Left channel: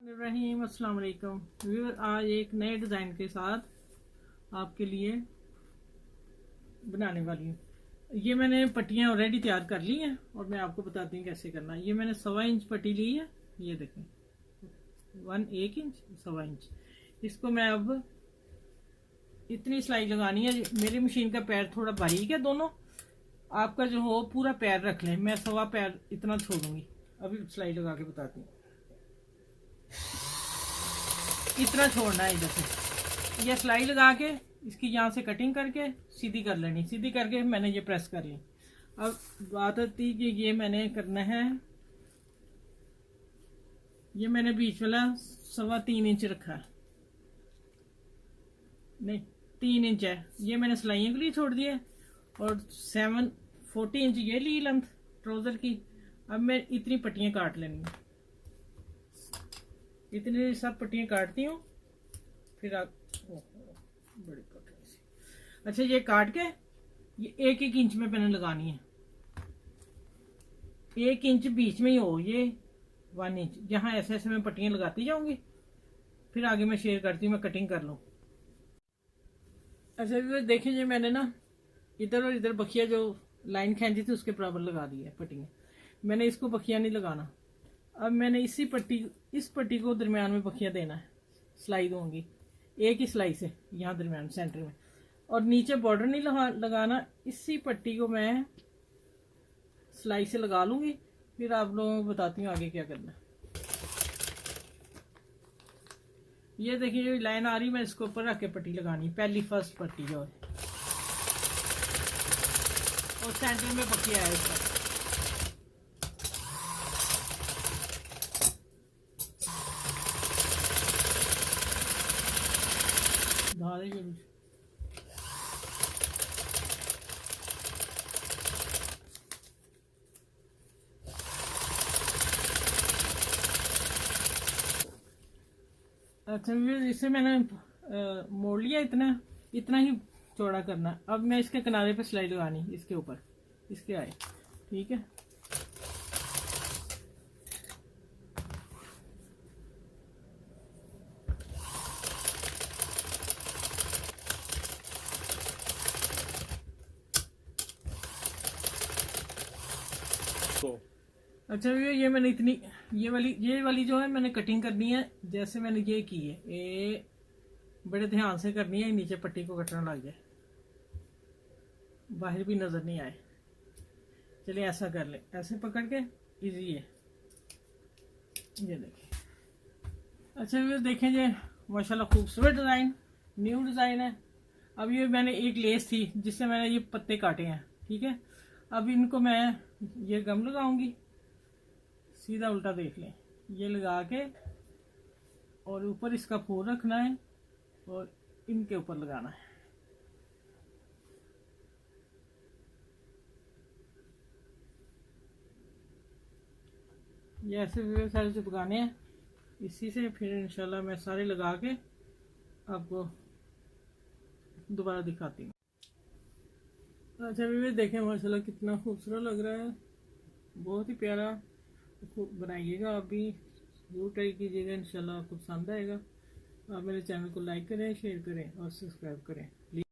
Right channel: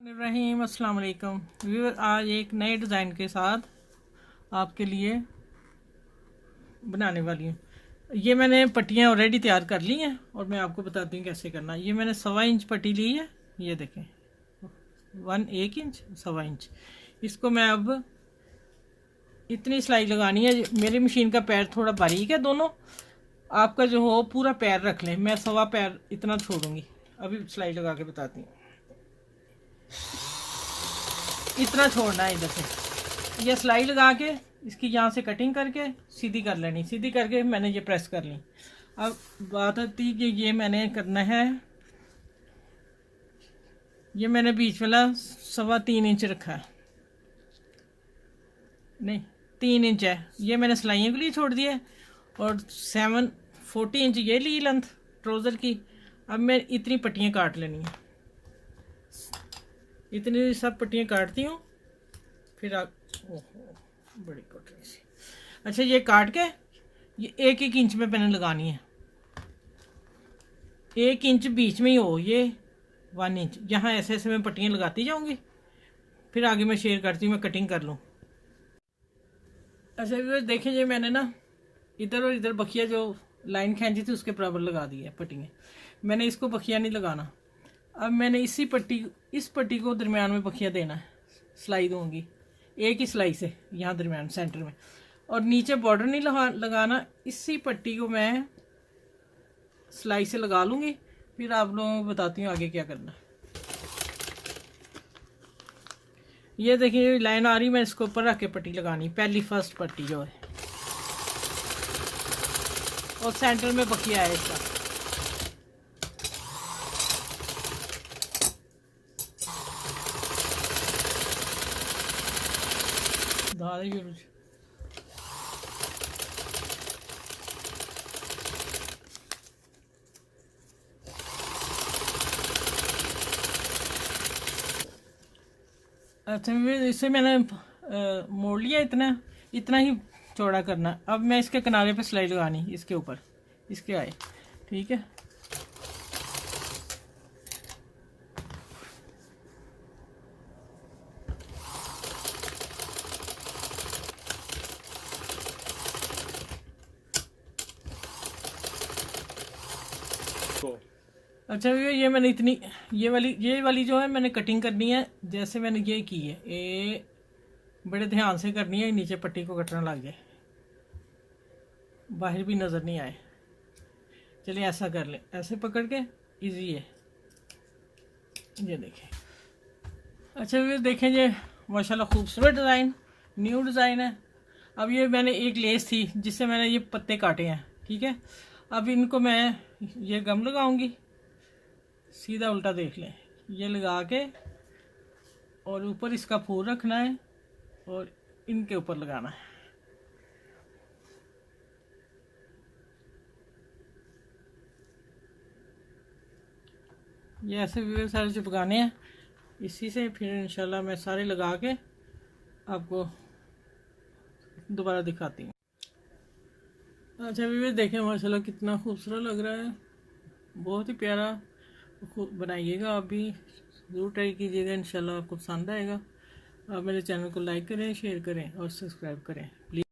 रहीम अस्सलाम वालेकुम व्यूअर, आज एक नए डिज़ाइन के साथ आपके लिए बनाने वाली हूँ। ये मैंने पट्टियाँ ऑलरेडी तैयार कर ली हैं और मैं आपको बताती हूँ कैसे करना। ये मैंने 1.25 इंच पट्टी ली है, ये देखें 1 इंच 1.25 इंच। इसको मैं अब इतनी सिलाई लगानी है। मेरी मशीन का पैर थोड़ा बारीक है दोनों, आपका जो हो पूरा पैर रख लें। मैं 1.25 पैर इतना छोड़ूंगी। अभी सिलाई लगा के बताती हूँ। इतना छोड़ना है। देखो ये सिलाई लगा के इसकी यहाँ से कटिंग करके सीधी कर लेनी। सीधी करके मैंने ये प्रेस कर ली। अब बात आती कि ये मैंने करना है, ये मैंने बीच वाला 3.25 इंच रखा है, नहीं 3 इंच है। ये मैंने सिलाइयों के लिए छोड़ दिया है और 40 इंच ये ली लेंथ ट्राउज़र की। अब मैं इतनी पट्टियाँ काट लेनी है, इतनी सब पट्टियाँ काटती हूँ। फिर आप बड़ी कटोरी सी, अच्छा ये काट के ये 1 इंच में मैंने लगानी है। 1 इंच बीच में ही हो, ये 1 इंच यहाँ ऐसे ऐसे मैं पट्टियाँ लगाती जाऊँगी। फिर आगे मैं शेयर करती हूँ, मैं कटिंग कर लूँ। अच्छा भी देखिए, ये मैंने ना इधर और इधर बखिया जो लाइन खींची थी उसके बराबर लगा दी है पट्टियाँ। मैंने इसको बखिया नहीं लगाना। अब मैंने इस पट्टी को दरमियान में बखिया देना है, सिलाई दूंगी एक ही सिलाई से यहाँ दरमियान सेंटर में। और नीचे बॉर्डर नहीं लगाना। इसी पट्टी को मैं सिलाई से लगा लूँगी। फिर आप लोगों को बताती हूँ आगे क्या करना। ये देखिए लाइन आ रही, मैं इसको ऊपर रख के पट्टी लगानी, पहली फर्स्ट पट्टी जो है, और सेंटर में बखिया है इसका। अच्छा इसे मैंने मोड़ लिया, इतना ही चौड़ा करना। अब मैं इसके किनारे पे सिलाई लगानी, इसके ऊपर इसके आए, ठीक है। अच्छा ये मैंने इतनी ये वाली जो है मैंने कटिंग करनी है। जैसे मैंने ये की है, ये बड़े ध्यान से करनी है, नीचे पट्टी को कटना लग जाए, बाहर भी नज़र नहीं आए। चलिए ऐसा कर ले, ऐसे पकड़ के इजी है। ये देखें। अच्छा ये देखें, ये माशाल्लाह खूबसूरत डिज़ाइन, न्यू डिज़ाइन है। अब ये मैंने एक लेस थी जिससे मैंने ये पत्ते काटे हैं, ठीक है। अब इनको मैं ये गम लगाऊंगी, सीधा उल्टा देख लें, ये लगा के और ऊपर इसका फूल रखना है और इनके ऊपर लगाना है। ये ऐसे भी सारे चिपकाने हैं इसी से। फिर इंशाल्लाह मैं सारे लगा के आपको दोबारा दिखाती हूँ। अच्छा भी देखें माशाल्लाह कितना खूबसूरत लग रहा है, बहुत ही प्यारा। बनाइएगा आप भी, ज़रूर ट्राई कीजिएगा, इंशाल्लाह आपको पसंद आएगा। आप मेरे चैनल को लाइक करें, शेयर करें और सब्सक्राइब करें प्लीज़।